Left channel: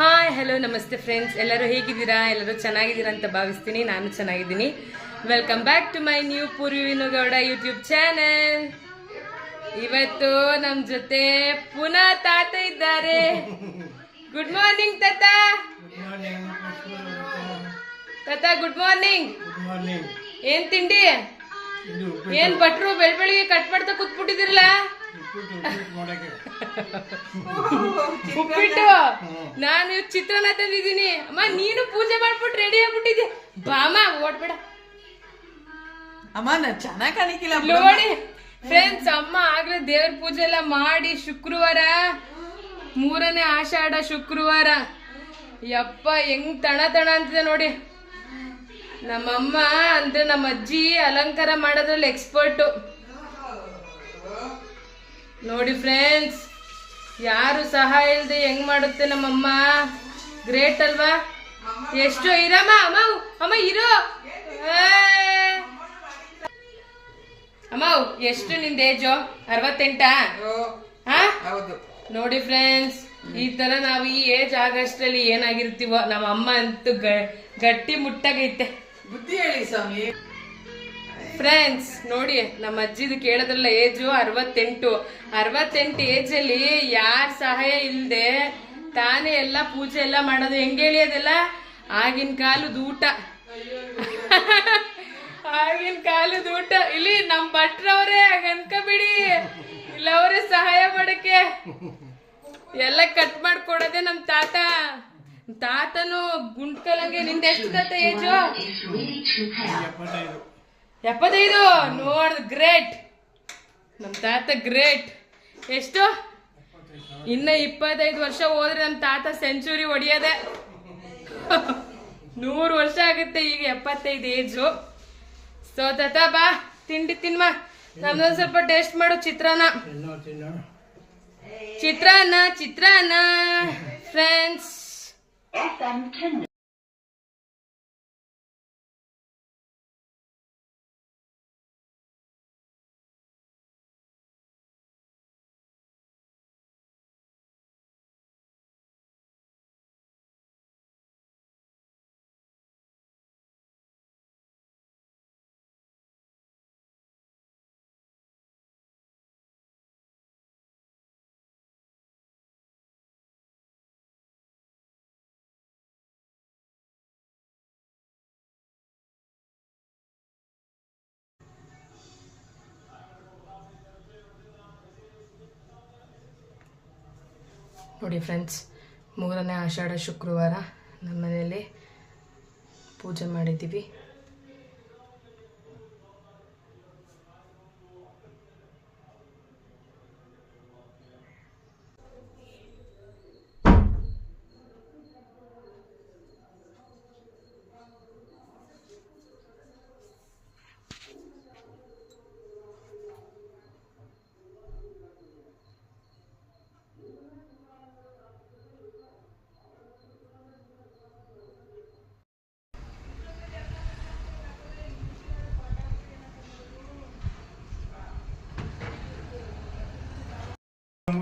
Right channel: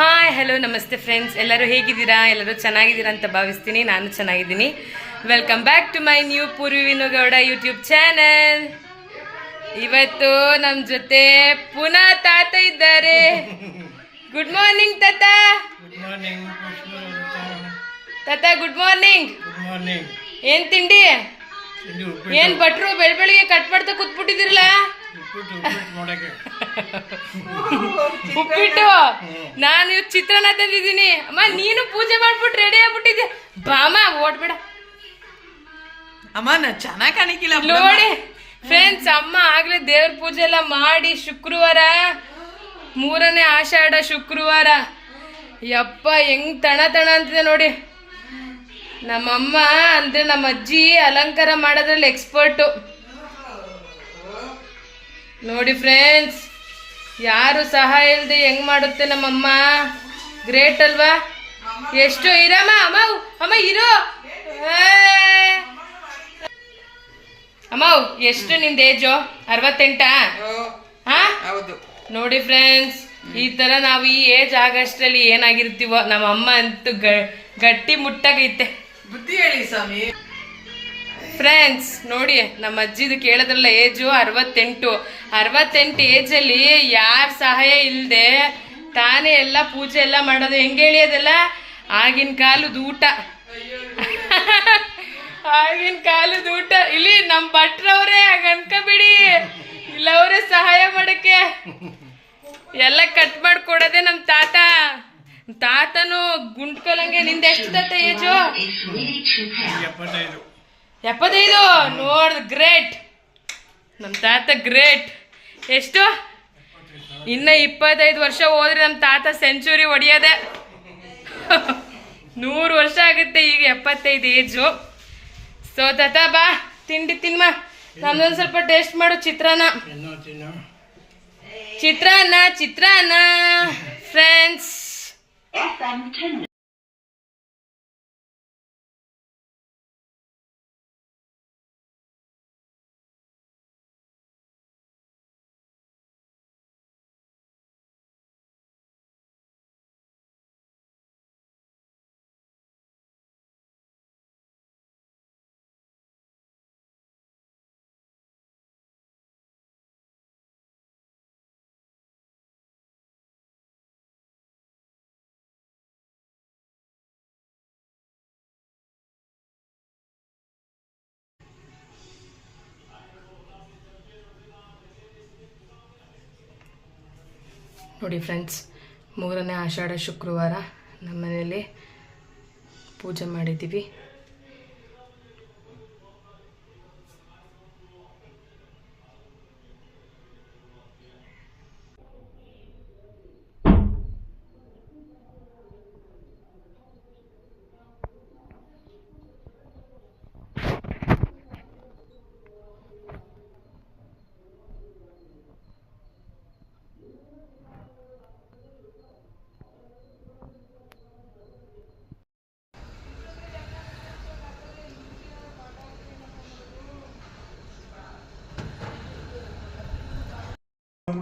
Hi hello ನಮಸ್ತೆ friends ಎಲ್ಲರೂ ಹೇಗಿದ್ದೀರಾ? ಎಲ್ಲರೂ ಚೆನ್ನಾಗಿದ್ದೀರಾ ಅಂತ ಭಾವಿಸ್ತೀನಿ. ನಾನು ಚೆನ್ನಾಗಿದ್ದೀನಿ. Welcome back to my new Poorvi Vinugowda YouTube channel ಇವತ್ತು ನಮ್ಮ ಜೊತೆ ಪುನಃ ತಾತ ಇದ್ದಾರೆ. ಗುಡ್ ಮಾರ್ನಿಂಗ್ ತಾತ. ಗುಡ್ ಮಾರ್ನಿಂಗ್ ತಾತ ಗುಡ್ ಮಾರ್ನಿಂಗ್ ಗುಡ್ ಮಾರ್ನಿಂಗ್ ಏನ್ ತಿಂಡಿ? ಏನ್ ಭಟ್ರು ಬೆಳ್ ಬೆಳಿಗ್ಗೆ ಕಟ್ ಮಾಡ್ತಾ ಕೂತ್ಬಿಟ್ಟಿದಿರಲ್ಲ ಉಪ್ಪಿಟ್ಟು ನಾನು ಇವತ್ತು ಚಿತ್ರಾನ್ನ ತಂದಿದ್ದೀನಿ ಅಮ್ಮ ನೀನು ಪೂಜೆ ಮಾಡ್ಬಿಟ್ಟು ರೆಡಿ ಆಗ್ಬಿಟ್ಟಿದ್ದೆ. ಬಾಮ ಓಡ್ಬೇಡ. ಅಮ್ಮ ನಾ ಚೆನ್ನಾಗ್ ಕಾಣಿಕಿಲ್ಲ ನೋಡಿ ಫ್ರೆಂಡ್ಸ್ ಅಮ್ಮ ಆಗ್ಲೇ ದೇವ್ರ ಪೂಜೆ ಎಲ್ಲ ಮಾಡಿ ಶುಕ್ರವಾರ ಮೂರನೇ ಆಷಾಢ ಶುಕ್ರವಾರ. ಯಪ್ಪ ಹೆಂಗ್ ತಣ ತಣ ಅಂತಿದೆ ನೋಡಿ. ನಮ್ಮಮ್ಮ ಅಂದ್ರೆ ನಮ್ಮ ಅಜ್ಜಿ ಅಲಂಕಾರ ಮಾಡೋದ್ರಲ್ಲಿ ಎಕ್ಸ್ಪರ್ಟು ನೋಡಿ ಫ್ರೆಂಡ್ಸ್ ಯಾರು ಸಹಾಯ ಇಲ್ಲದೆ ಹೆಂಗ್ ಮಾಡುತ್ತೆ ನಮ್ಮಮ್ಮ? ಗ್ರೇಟ್ ಅಲ್ವಾ? ಎಷ್ಟು ಇರಮ್ಮ? ಅಮ್ಮ ಅಮ್ಮ ಇರೋ. ಅಮ್ಮ ಎಷ್ಟು ನಿಂದ ಏಜು ಅರವತ್ತೆಂಟಾ? ಹಾ ಹೌದು. ನೋಡಿ ಫ್ರೆಂಡ್ಸ್ ಈ ತರ ನಾವು ಈ ಏಜ್ ಆಗಷ್ಟರಲ್ಲಿ ಏನಾಗಿರ್ತೀವೋ ನಮ್ಮ ಅಮ್ಮ ಅಂತೂ ಗಟ್ಟಿ ಮುಟ್ಟಾಗೈತೆ. ಬುದ್ಧಿ ಹೇಳಿ ಸ್ವಾಮಿ. ಫ್ರೆಂಡ್ಸ್ ನೋಡಿ, ನಮ್ಮ ಅಜ್ಜಿದು ಕೇಳಿದ್ರಲ್ಲ ಏಜು ಅರವತ್ತೆಂಟು. ಅರವತ್ತೆಂಟು ಏಜಲ್ಲಿ ಯಾರ ಸಹಾಯ ಇಲ್ಲದೆ ತಾನೇ ಎಲ್ಲ ಪೂಜೆ ಎಲ್ಲ ಮಾಡೋದು. ಹೆಂಗೆ ಹೇಳಿಯೋದಲ್ಲ ಆಗಿನ ಕಾಲದ ಊಟ. ಆಗಿನ ಕಾಲದ ಊಟ. ಇಲ್ಲಿ ನಮ್ಮ ಭಟ್ರವ್ರೆ, ಹಾಗ ಇಲ್ಲ ಅವರೇ ಸಹಾಯ ಮಾಡಕ್ಕೆ. ಎಲ್ಲ ಕಟ್ ಮಾಡ್ಕೊಡೋದೆ ನಮ್ಮ ತಾತ. ತಾತನು ಗುಂಡ್ಕೊಲಂಗೆ ನಿಂದ ಎಷ್ಟು ತಾತ ಏಜು? ಎಪ್ಪತ್ತೈದು. ಎಪ್ಪತ್ತೈದು? ನೋಡ್ ಗ್ರೇಟ್. ನಮ್ಮ ತಾತ ಗ್ರೇಟ್. ಎಷ್ಟು? ಇನ್ನ ಇಪ್ಪತ್ತೈದು ವರ್ಷ ಹೋದ್ರೆ ನಮ್ಮ ತಾತ ಸೆಂಚುರಿ ಹೊಡಿಯೋದೆ. ನೂರು ವರ್ಷ ಆಗುತ್ತೆ ಈಗ ಎಪ್ಪತ್ತೈದು ಏಜು. ಸೊ ತಾತ ಬಾ. ತಿಂಡಿ ತಿನ್ಮ. ನಮ್ದೊಂದು ಸ್ವಲ್ಪ ಟೇಸ್ಟ್ ಮಾಡು ಚಿತ್ರಾನ್ನ. ಚಿತ್ರಾನ್ನ ಚಿತ್ರಾನ್ನ. Friends FM 10. ನೋಡಿ ಫ್ರೆಂಡ್ಸ್ ಮೂರನೇ ಆಷಾಢ ಶುಕ್ರವಾರ ನಮ್ಮ ಮನೆಯಲ್ಲಿ ಪೂಜೆ ಮಾಡಿದ್ದೀವಿ.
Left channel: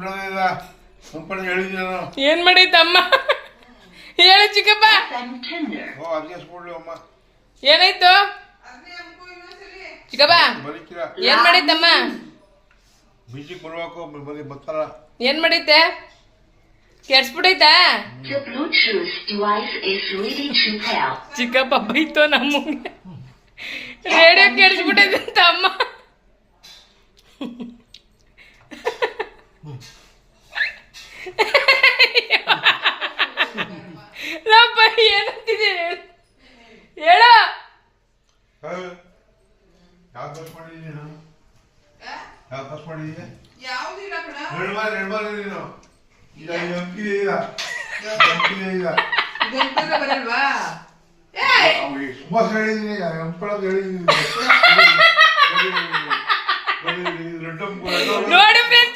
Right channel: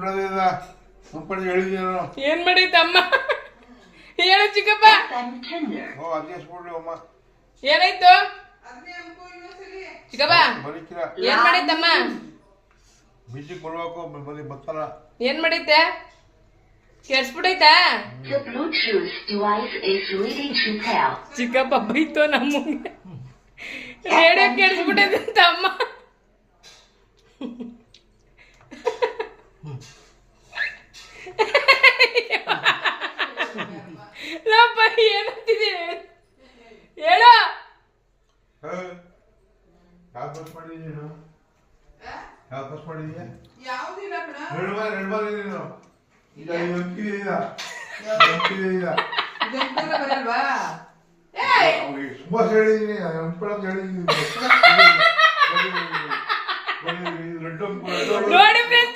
ಮುಂಪಣದ ಮುಂಪಣ ಹೇಳಿದ್ದೇನು ಏನ್ ಮಾಡೈತಮ್ಮ ಹೇಳು ಚಿಕ್ಕಪ್ಪ. ಓ ಅಡ್ಜಸ್ಟ್ ಕೊಡ್ಲಿ ಅಮ್ಮ. ಏನಾಯ್ತು? ಚಿಕ್ಕಪ್ಪ ಬರೀಕಿರ ಏನ್ ಮಾಡೈತಮ್ಮ ಬಿಸಿ ಕೊಡ್ಬೇಕು ಬರೀ ಬರ್ತಾರ? ಏನ್ ಮಾಡೈತೆ ಕೆಡ್ಸ್ಬಿಡೈತಾ. ಚಿಕ್ಕಪ್ಪ ಬೈತು ನಮ್ಮ ರೇಡಿಯೋ ಕೆಡ್ಸ್ಬಿಟ್ಟೈತೆ ಅಂತ ಅಮ್ಮ. ಲಪ್ಪ ಏನಂತಿದೆ ಹೇಳ ಯಾವ ಬಸ್ ಮಾಡಿದ್ದೀನಿ ನಾನು ಯಾವ ಬಸ್ ಮಾಡಿದೀಯ ಎರಡು ಬಾರಿ ಎರಡು ಬಾರಿ ನೀನು ಈಗ ಎಂಪಿದೆ ಈಗ ಎಂಪಿದೆ ಈಗ ಸುಭಾಷ್ ನೋಡಿ ಫ್ರೆಂಡ್ಸ್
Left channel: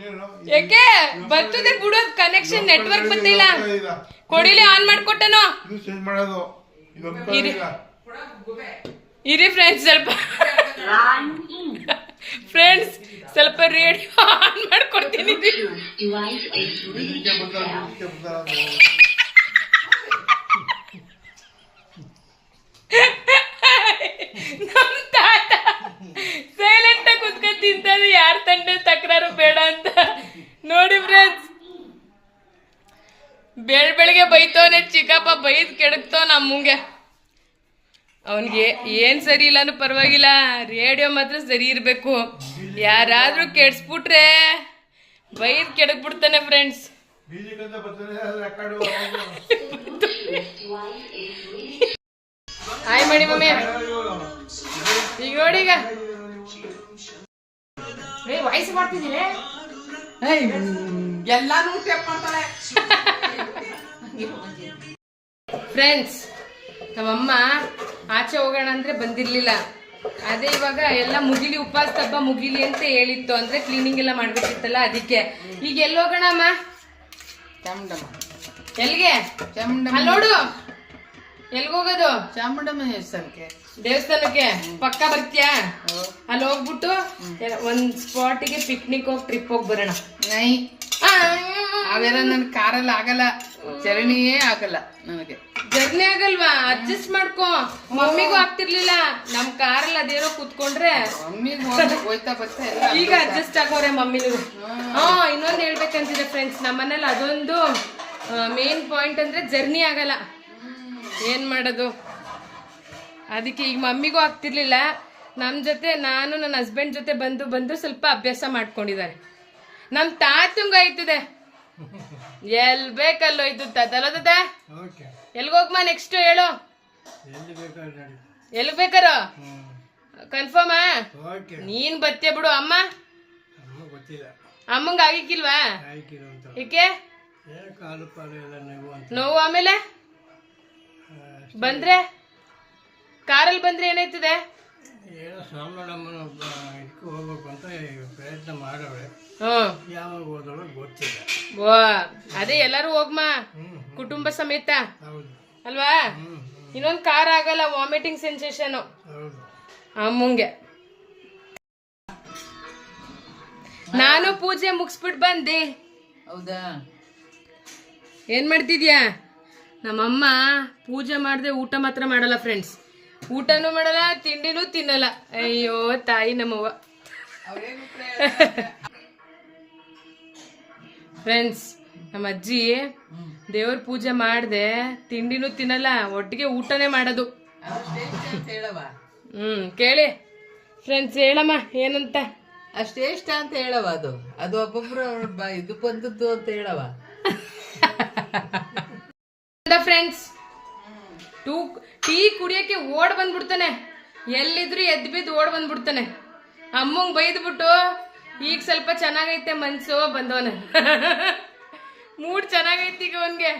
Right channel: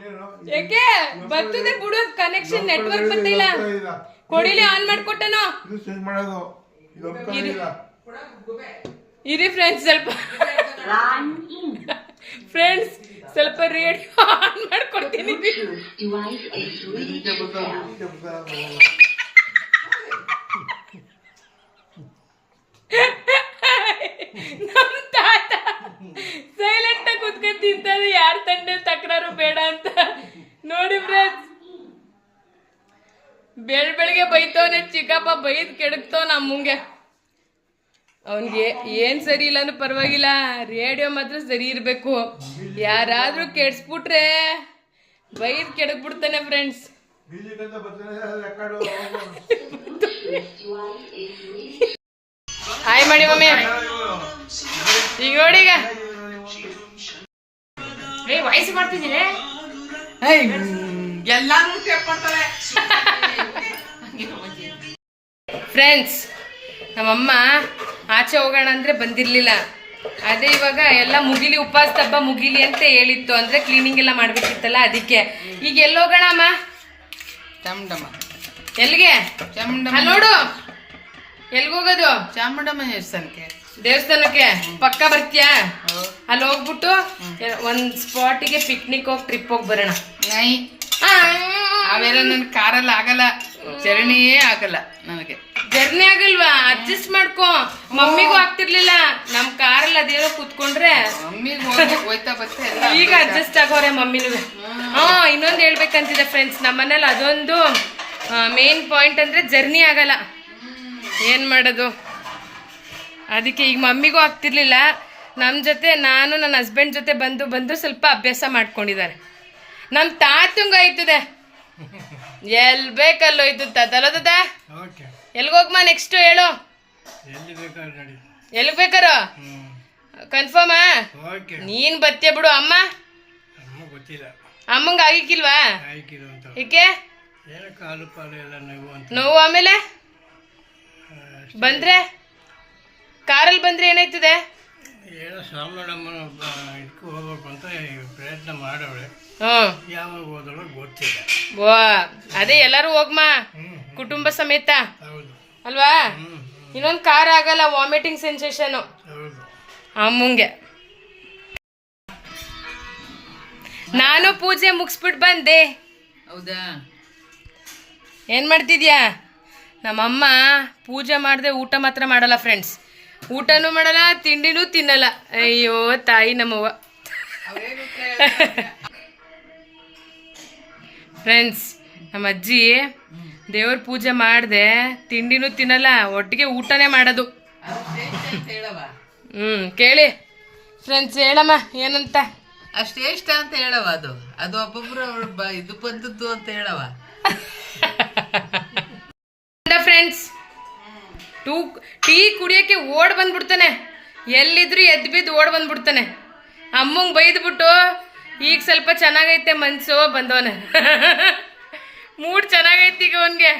ನೀನು ಯಾಕೆ ಬರ್ತದೆ ಬಿಡು ಕನೆಕ್ಷನ್ ನೆಟ್ವರ್ಕ್ ಬಂದಿಲ್ಲ. ಕೊಡಿಲಿ ಆನ್ ಮಾಡ್ಕೊಟ್ಟನು? ಇದು ಚೇಂಜ್ ಮಾಡೋದು. ಇದು ಒಪ್ಕೊಂಡಿಲ್ಲ ಇರಿ. ಫ್ರೆಂಡ್ಸ್ ಸ್ವಲ್ಪ. ಫ್ರೆಂಡ್ಸ್ ಸ್ವಲ್ಪ ರೇಡಿಯೋ ಆನ್ ಮಾಡ್ಕೊಡ್ತೀನಿ. ಇದಕ್ಕೆ ಇದಕ್ಕೆ ಬರ್ತಾರ ತಾತ ಸೈಲೆಂಟ್ ಆಗಿ ಕುತ್ಕೊಂಡ್ ತಿಂತಾರೆ ಯಾರ ತಂಡೆ ತಕರಾರು ಬೇಡ ಅಂತ ನೋಡಿ ಫ್ರೆಂಡ್ಸ್ ಬೆಳ್ ಬೆಳಿಗ್ಗೆ ಬೈತವನೆ ಚಿಕ್ಕಪ್ಪ ಬೈದ್ ಕೆಡಕ್ತವ ನಮ್ಮಂಗೆ ಅವನಿಗೆ ಏನ್ ಸರಿ ಇಲ್ಲನೂ ಪರವಾಗಿಲ್ಲ ರೇಡಿಯೋ ಮಾತ್ರ ಸರಿ ಇರಬೇಕು. ಯಾರಾದ್ರೂ ಕೆಡ್ಸ್ಬಿಟ್ರೆ ಬೈದ್ ಕೆಡಕ್ ಬಿಡ್ತಾನೆ ಫ್ರೆಂಡ್ಸ್ ಹಾಯ್ ಮಾಡಿ ಮಮ್ಮಿ. ಈಗ ನೋಡಿ ಈಗ. ಏ ವಯಸ್ಸು ಮಾಡ್ತಿದ್ದೀನಿ ಎಲ್ಲಾರು ಟೇಪ್ ಮಾಡ್ತಾಳೆ. ಫ್ರೆಂಡ್ಸ್ ನಮ್ಮಮ್ಮ ಆಚೆ ಹೋಗೋಣ ಅಂದ್ರೆ ಬಂದಿರ್ಲಿಲ್ಲ. ಅದೇ ಇವಾಗ ಎಲ್ಲ ಮುಗಿಲಿ ಉಪವಾಸ ಹಬ್ಬ ಮುಗಿಲಿ ಅಂತ ಹೇಳಿತ್ತು. ಅಂದ್ರೆ ಕ್ಲೀನಿಂಗ್ ಎಲ್ಲ ಮಾಡ್ಬೇಕಿತ್ತಲ್ಲ ಅದಕ್ಕೆ. ಈಗ ಎಲ್ಲಿ ಹೋಗೋಣ ಅಮ್ಮ? ಚಾಮುಂಡಮ್ಮ. ಎಲ್ಲಿಗೆ? ಚಾಮುಂಡಮ್ಮ ನೋಡು. ಎಲ್ಗ ಹೋಗೋದು? ಚಾಮುಂಡಮ್ಮ ದೇವಸ್ಥಾನಕ್ಕೆ. ದೇವಸ್ಥಾನಕ್ಕೆ? ಪಕ್ಕ ಬರ್ತೀಯಾ? ಅಲ್ಲಿ ಹೋಗ್ಬಿಟ್ಟು ಒಂದ್ ಸ್ಪಾಟಿಗೆ ಪಿಕ್ನಿಕ್ ಹೋಗಿ ಟ್ರಿಪ್ ಹೋಗಿ ಬರೋಣ. ನೈ. ಅವೆಲ್ಲ ನನ್ ಕಾರಲ್ಲಿ ಆಗಲ್ಲ. ಚರಣಿಯೇ ಆಗಲ್ಲ ನನಗೆ. ಜರ್ನಿ ಆಗಲ್ವಾ? ಅಡ್ಜಸ್ಟ್ ಮಾಡ್ಕೊ. ಮಮ್ಮಿಗೂ ಆಗ್ತಿರ್ಲಿಲ್ಲ. ನಮ್ ಕಾರಲ್ಲಿ ಅದೇನೋ ಕುತ್ಕೊಂಡ್ರೆ. ಮಮ್ಮಿಗೆ ಹೋಗಿ ಹೋಯ್ತಾ ಬರ್ತಾ ಎಲ್ಲ ಈಗ ಅಡ್ಜಸ್ಟ್ ಆಗೋರೆ ಮಮ್ಮಿನೂ. ಹಾ ಇನ್ನೊಂದು ಹೇಳ್ಬೇಕಂತಿದೆ ಫ್ರೆಂಡ್ಸ್ ನಮ್ಮನೇಲಿ ಅದೊಂದು ಮೇನ್ ಪಾಯಿಂಟ್ ಅಂದ್ರೆ ಜರ್ನಿ ಆಗಲ್ಲ. ಏನ್ ಮಾಡೋದು? ಅದಕ್ಕೆ ಈಗ ಮಮ್ಮಿಗೂ ಆಗ್ತಿರ್ಲಿಲ್ಲ. ನಮ್ಮ ಜೊತೆ ನಾನು ನನ್ನ ಹಸ್ಬೆಂಡ್ ಜೊತೆ ಬಂದು ಬಂದು ಸ್ವಲ್ಪ ಅಭ್ಯಾಸ ಮಾಡ್ಕೊಂಡಿದ್ದಾರೆ. ನಮ್ಮ ತಾತಂಗ ಹೋಯ್ತದೆ ಎಲ್ ಬೇಕಲ್ಲೋ ಇದು ತಾತಲ್ಲ ತಾತ? ಓಕೆ. ಎಲ್ಗೋಗ್ಮ ನೆಕ್ಸ್ಟ್ ಹೇಳು. ಎಲ್ಲಿ ಬೇಕಾರ ಕನ್ಫರ್ಮ್ ನೀನ್ ಬತ್ತೆ ಬಿಡು ಅಮ್ಮ. ಅಮ್ಮಂಗ ಆಗಿಕ್ಕಿಲ್ವಾ ಏಕೆ? ಏನೋ ಕಾಲು ಪಾಲು ಎಲ್ಲ ನೋವು ಅಂತ. ನೋವು ಆಮೇಲೆ? ಬಂದ್ರೆ? ಕಾರಲ್ಲಿ ಬಂದ್ರೆ ಏನಾಯ್ತದೆ? ಏನೋ ಸಾಮನಮ್ಮನ ಇದಕ್ಕೆ ಹೋಗ್ಬೇಕು ಅಂತ ಪ್ರಯತ್ನ ಮಾಡವಳೆ ಹ್ಮ್. ಯಾವಾಗ ಹೋದಳು ಗೊತ್ತಿಲ್ಲ. ಅದೇ ಎಲ್ಲರೂ ಹೋಗ್ಮಾ? ಕುಟುಂಬ ಸಮೇತ? ಹೌದು. ಅಲ್ವಾ? ಇನ್ನೊಂದು ಇನ್ನೊಂದ್ ಕಾರ್ ಆಗಲ್ಲ ವಾಮಿಟಿಂಗ್ ಸೆನ್ಸೇಷನ್ ಹೌದು. ಅಮ್ಮಂಗೆ ನಾನು ಪೂಜೆ ಮುಗಿಸ್ಬಿಟ್ಟು ಬಂದೆ. ಹೌದಾ? ಏನ್ ಮಾಡ್ತಿದ್ಯಾ? ನಮ್ಮಮ್ಮ ಪೂಜೆ ಮಾಡದೆ ಊಟ ಮಾತ್ರ ಮಾಡಲ್ಲ ಫ್ರೆಂಡ್ಸ್ ಊಟನೂ ಮಾಡಲ್ಲ ತಿಂಡಿನೂ ತಿನ್ನಲ್ಲ. ಅಯ್ಯೋ ತಾಯಿ ನಮ್ಮವ್ವ. ಫ್ರೆಂಡ್ಸ್ ನಮ್ಮ ಅಜ್ಜಿ ದೇವ್ರ ಪೂಜೆ ಮಾಡ್ದೆ ತಿಂಡಿನೂ ತಿನ್ನಲ್ಲ ಒಟ್ಟಿಗೆ ಊಟನೇ ಮಾಡೋದು. ಹ್ಮ್ ಕೇಳಿ. ಫ್ರೆಂಡ್ಸ್ ಹೇಳಮ್ಮ ಏನಂತ? ಅಷ್ಟೇ ಇಷ್ಟ ಅಂತ ಹೇಳವ ಅದು. ಅದು ಒಬ್ಬೊಬ್ರು ಇದು ಬಂದದ್ದು ಅಂತ ಹೇಳವ ಫ್ರೆಂಡ್ಸ್ ಟೂ ಟೀ ಕುಡಿಯೋಕ್ಕೆ ಓಡ್ ಬಂದ್ಬಿಡ್ತಾನೆ. ಎಲ್ಲಿದ್ರು ಎದ್ದು ಬಿದ್ದು ಓಡ್ ಬಂದ್ಬಿಡ್ತಾನೆ. ಅಮ್ಮಂಗೆ ಬೈದ್ಬಿಟ್ಟು ಈಗ ಸ್ವಲ್ಪ ಚೆನ್ನಾಗೈತೆ ಮನ್ಸು ಬಂದವನೆ. ಮೂಡ್ ಚೆನ್ನಾಗೈತಿ ಈಗ ಅವನಿಗೆ.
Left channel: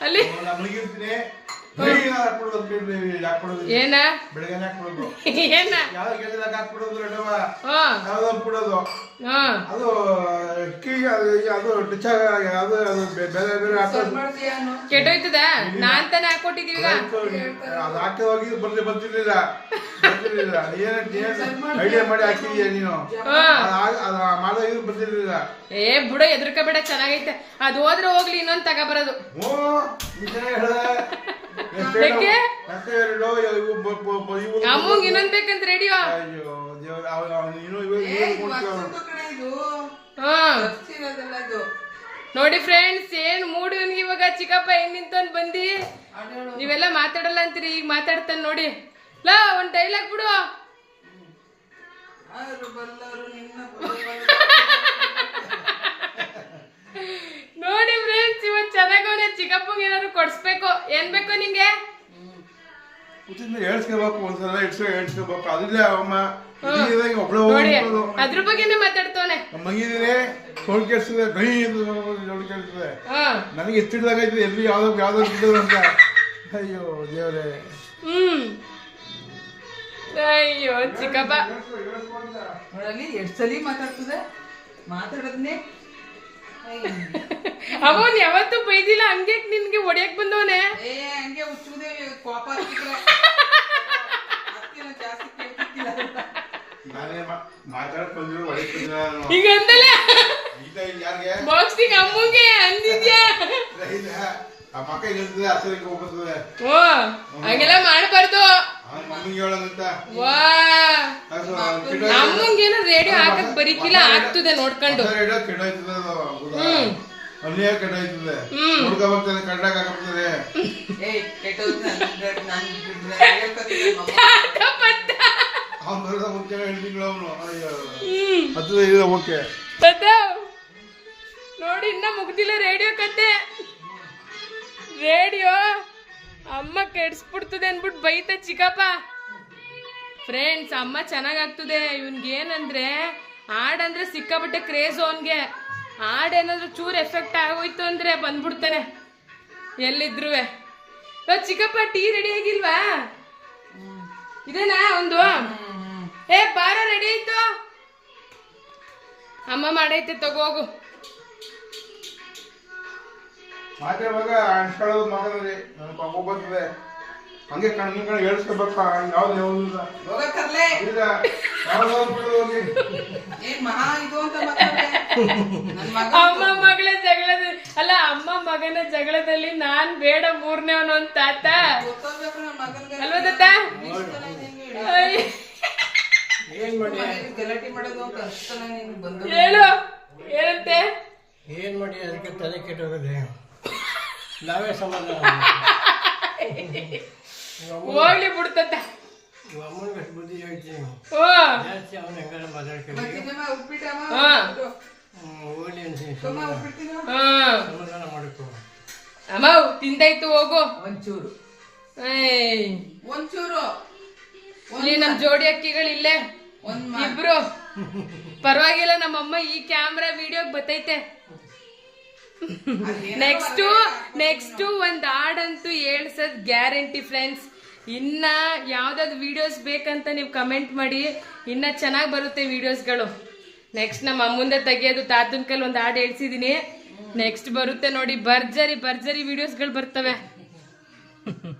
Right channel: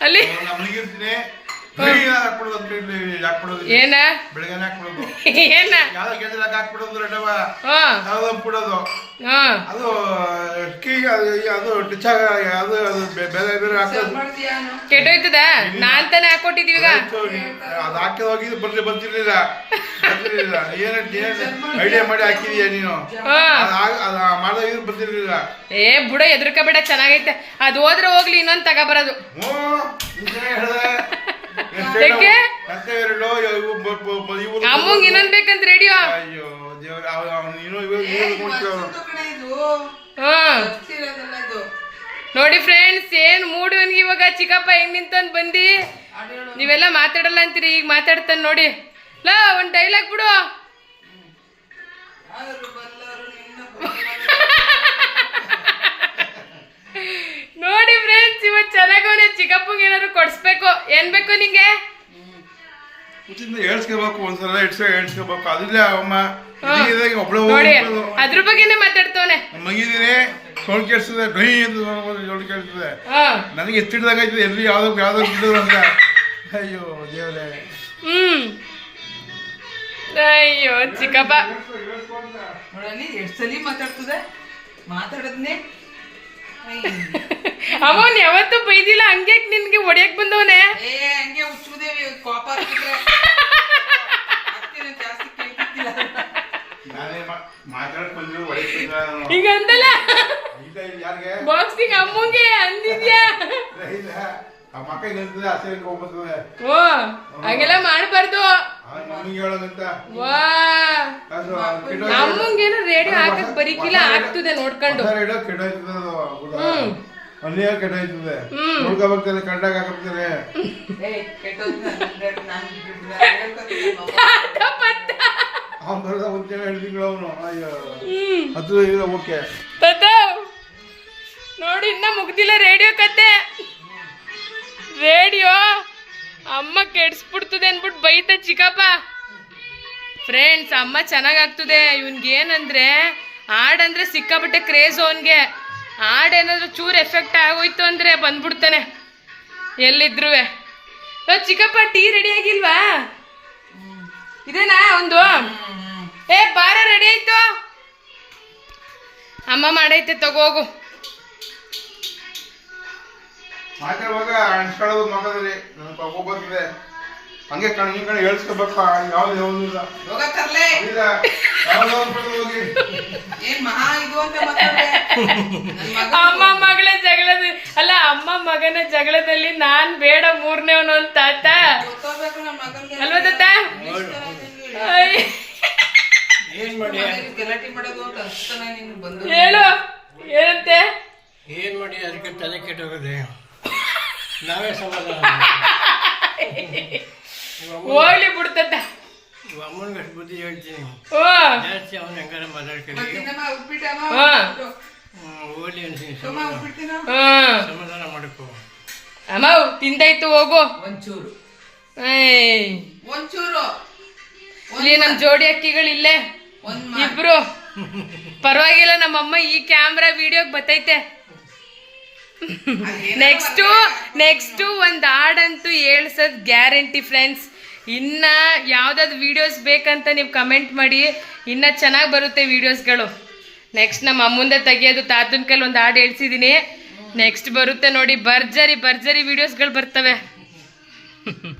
ಅಲ್ಲಿ ಏನ? ಬೆಳಗ್ಗೆ ಹಾಕ್ಬಿಡೋದು ಏನ? ಯಾವ್ದೋ ಕೆಲ್ಸದಾಗ ಹಾಕ್ಬಿಡೋದು ರೆಡವ ಹಾ. ಯಾವ್ದೋ ಹಾಕ್ಬಿಡೋದು ಹಾ. ಅದು ಕೀಗ ಅದು ಅದು ಟಚ್ ಆಗ ಅದು ಅದು ಬೆ- ಬೇರೆ ಬೇರೆ ಹಾಕೋದು. ಕೆಟ್ಟೋಯ್ತದ? ನಾನ್ ತಾನೇ ಹಾಕೊಟ್ಟಿದೀವಿ ಅದು ಹಾಕಿ ಹೋಗಿದ್ದು ಬರ್ಲಿ ಬರ್ತಿರ್ಲಿಲ್ಲ ಬರ್ತಿರ್ಲಿಲ್ಲ ಏನ್ ಐಡಿಯಾ ಮಾಡಿ ಹಾಕಿದೀಯ ನೀನು? ಹಾ. ಅದು ಆ- ಅದು ಮಾಡೋದು ಬರ್ತಿರ್ಲಿಲ್ಲ ಏ ಬುಡ ಎದ್ರಕಬೇಡ ಚೆನ್ನಾಗೈತೆ. ಅದು ಹೋದ್ರೆ ಹೋಗ್ಲಿ ಇನ್ನೊಂದ್ ತಗೊಬರೋದು ಹ್ಞೂ ಹೇಳ್ದೆ. ಎಷ್ಟು ಯಾಕೆ? ಮತ್ತೆ ಎರಡು ಇವು ಬ- ಬ- ಬ- ಅಮ್ಮಂಗ್ ಇನ್ನೊಂದ್ ಬೇಕಂತ ರೇಡಿಯೋ. ಅಯ್ಯೋ ದೇವ್ರ ಅವನು ಇನ್ನೂ ಇವಾಗ ಇವಾಗ ಕೊಡ್ತೀವಿ ಅವ್ನು. ಹ್ಮ್. ನೋಡಿ ಫ್ರೆಂಡ್ಸ್ ಏನ್ ಮೂಡ್ ಇವ್ನಿಗೆ ಇವಾಗ? ಚಿಕ್ಕಪ್ಪ ಹೆಂಗ್ ನಿಂತಂದ್ ಬಂದಿ? ನೀವೆಲ್ಲ ಮಾತಾಡಲ್ಲ ಅಂತೀರಿ ಈಗ ಮಾತಾಡ್ತಾನೆ ನೋಡಿ. ಲಾ ಒಂದ್ ಡೈಲಾಗ್ ಬಿಡು. ನೋಡಿ ಫ್ರೆಂಡ್ಸ್ ಇವತ್ ಚೆನ್ನಾಗವನೆ ಚಿಕ್ಕಪ್ಪಗೆ ಏನಾದ್ರು ಕೊಡಿಸ್ಬೇಕು ಏನ್ ಬೇಕು ನಿಂಗೆ? ಹುಟ್ಟಿಂದ ಹೇಳ್ಸ್ಕೋಬೇಕು ಒಂದ್ಸಲ ಇಡ್ಸ್ಕೊ ಹೇಳ್ಸ್ಕೋಬೇಕು ಅದಿಲ್ಲ ಅಮ್ಮ ಇದಾಗ ಒಬ್ಳೆ ನೋಡಿ ಹೋಗ್ಬೋದು ಅದ್ರ ಬಗ್ಗೆನೇ ಮಾತಾಡ್ತವನೆ. ಮಗಿದಿನಿ ಸೋಲ್ ಕೇಳಿಸ್ತದೆ ಡ್ರೈ ಅಂತ ಸೋಲ್ ಕೇಳಿಸ್ತದೆ ಹಾ. ನನಗೆ ಎತ್ತಿಡ್ದಾಗ ಆಯ್ತದೆ ಎಲ್ಲಿ ಯಾವ್ದೋ ಯಾವ್ದೋ ಬಿಡೋದು ಅಂತ. ಅಯ್ಯೋ ದೇವ್ರೆ. ಹ್ಮ್. ಅಯ್ಯೋ ಚಿಕ್ಕಪ್ಪ. ನೋಡಲ್ಲಿ ಎಷ್ಟು ಸಲ ಮಾತಾಡ್ತದೆ? ಮಾತಾಡೋದ್ನೇ ಅವನ್ ಯಾವತ್ತೂ ಬೈದಿಲ್ಲ ಹಂಗೆ ನಿನ್ಗೆ ಹೊಡಿಯಕ್ ಬಂದವನೆ? ಏ ಹಂಗೆ ಹುಚ್ಚುದೇವಿ ಕೋಪ ಈಗ ಅಂದಲ್ಲ? ಈಗ ಯಾರಿಗೆ? ಬಾಕ್ಸಿಂಗ್ ಅಮ್ಮಂಗೆ ಅಂದಿದ್ಯಾ? ಓ ಹಂಗೆಲ್ಲ ಮಾಡ್ಬಾರ್ದು. ಕೆಟ್ಟೋಯ್ತದೆ. ರೇಡಿಯೋ ಹಾಕಕ್ ಬರೀಕಿಲ್ಲ ಆಗ್ತದೆ ನೋಡ್ಕೊಂಡು? ಹ್ಮ್. ಅಲ್ಲಿ ಕೆಟ್ಟೋಯ್ತದೆ ಅವ್ನು. ಬರೋದ ಮುಂಚೆ ಓಕೆ ನೋಡಿ ಇನ್ನ ಮುಗ್ದಿಲ್ಲ ರೇಡಿಯೋ ಕತೆ. ರೇಡಿಯೋ. ಅಮ್ಮ ಕೆಡ್ಸ್ಬಿಡ್ತದೆ ಅನ್ಬಿಟ್ಟು ಬೈತ ಚಿಕ್ಕಪ್ಪ. ಫ್ರೆಂಡ್ಸ್ ಅಮ್ಮ ಚೆನ್ನಾಗಾಗ್ತದೆ. ಇವ್ನಿಗೆ ಏನಂದ್ರೆ ಹಾಡಂದ್ರೆ ಸಿಕ್ಕಾಪಟ್ಟೆ ಕ್ರೇಜ್ ಅವನಿಗೆ. ಏನಾದರೂ ಚೂರು ಎಫೆಕ್ಟ್ ಆಗೋಯ್ತು ಅಂದ್ರೆ ಬಂದ್ಬಿಡ್ತಾನೆ. ಎಲ್ಲಿದ್ರು ಚಿಕ್ಕಪ್ಪ ಟೀ ರೆಡಿ ಆಗಿಲ್ವಾ? ಇದೇನಾ ಒಂದು? ಏ ಬಾರ ರೆಡಿ ಆಯ್ತು. ಅಮ್ಮ ಮಾಡೈತೆ ತಗೋಗು ಮಾತಾಡುವಾಗ ಅನ್ಸ್ಕೊಳ್ಳೋದು ಮಗದಲ್ಲಿ ನನಗೆ ಕೋಪ ಬರ್ತದೆ ಹಂಗೆ ಕಣ್ಣು ನಿನ್ ಕಣ್ ಹೇಳ್ಸ್ಕೋಬೇಕು ಯಾವ್ದು ಯಾವುದಿಲ್ಲ ಯೋಗ ಕರ್ಲೆ. ಈಗ ಯಾವ್ದು ಹೋಗ್ಬೇಕು ಹೋಗಿ. ಏನ್ ಮಹಾ ಇದು ಅಂತ ಅಮ್ಮ ಮಗಳ ಜಗಳದ ಅಲ್ಲ ಅಮ್ಮ ಮಗನ ಜಗಳದಲ್ಲಿ ನಾನ್ ಬೇಡ ಮೂರನೇವನು ಅಂತ ತಾತ. ಅಲ್ವಾ ತಾತ? ಏನು ಮಾಡಿ? ಗಲಾಟೆ ಮಾಡೋದು ಅಂತ ಅಷ್ಟನ ನೀನು ಬಂದು ಹೇಳು. ಏನಂತೆ? ಏನ್ ಮಾಡಿ? ಅದಕ್ಕೆ ತಲೆ ಕೆಟ್ಟೋಗದೆ. ನಾವೇ ಸಮಾಧಾನ ಹೋಗ್ಲಿ ಇವ್ ಅಮ್ಮನಿಗೆ ಅಷ್ಟು ಬುದ್ಧಿ ಹೇಳ್ತೀನಿ. ಓ ಜಾಸ್ತಿ ಅವನ ಹೆಂಗಾರ ಮಾತಾಡ್ಕೊಳ್ಳಿ. ಹೋಗ್ಲಿ ಅನ್ಸಿನಿ ಸಮಾಧಾನ. ಮಾಡ್ಕೋ. ಅಮ್ಮ ತಿಂದಾಯ್ತು ಹೋಗು. ಒಂಚೂರು. ಏಯ್. ಒಂಚೂರು. ಇಲ್ಲಿ ನಮ್ಮ ಜೋಡಿ ಅಕ್ಕಿಗಳಿಲ್ಲೇ. ಇಬ್ರು. ಪರವಾಗಿಲ್ಲ ನಮ್ಮಮ್ಮ ಈ ಕ್ಯಾಮ್ರಾ ವಿಡಿಯೋಗ್ ಬತ್ತೈತೆ ನೆಕ್ಸ್ಟು ನೆಕ್ಸ್ಟು ಒಂದು ಹಾಡಂತೂ ಹೇಳ್ಸೋದು ಗ್ಯಾರಂಟಿ ಫ್ರೆಂಡ್ಸ್. ಇನ್ನ ಯಾವ್ದಾದ್ರು ವಿಡಿಯೋಸ್ ಬೇಕಂತ ನೀವು ಕಮೆಂಟ್ ಮಾಡಿ. ಇನ್ನ ಚೆನ್ನಾಗಿ ಬರುತ್ತೆ ವಿಡಿಯೋಸ್ಗಳು ನೆಕ್ಸ್ಟ್ ನಮ್ಮ ಅಮ್ಮಂದೆ ತೆಗಿಯೋದು ತಾತನ ಕೈಲಿ ಒಂದು ಹಾಡು ಹೇಳ್ಸಿದ್ದೀನಿ ನೆಕ್ಸ್ಟ್ ಬರುತ್ತೆ ನೋಡಿ ಭರ್ಜರಿ ಭರ್ಜರಿ ವಿಡಿಯೋಸ್ಗಳು ಬರ್ತವೆ.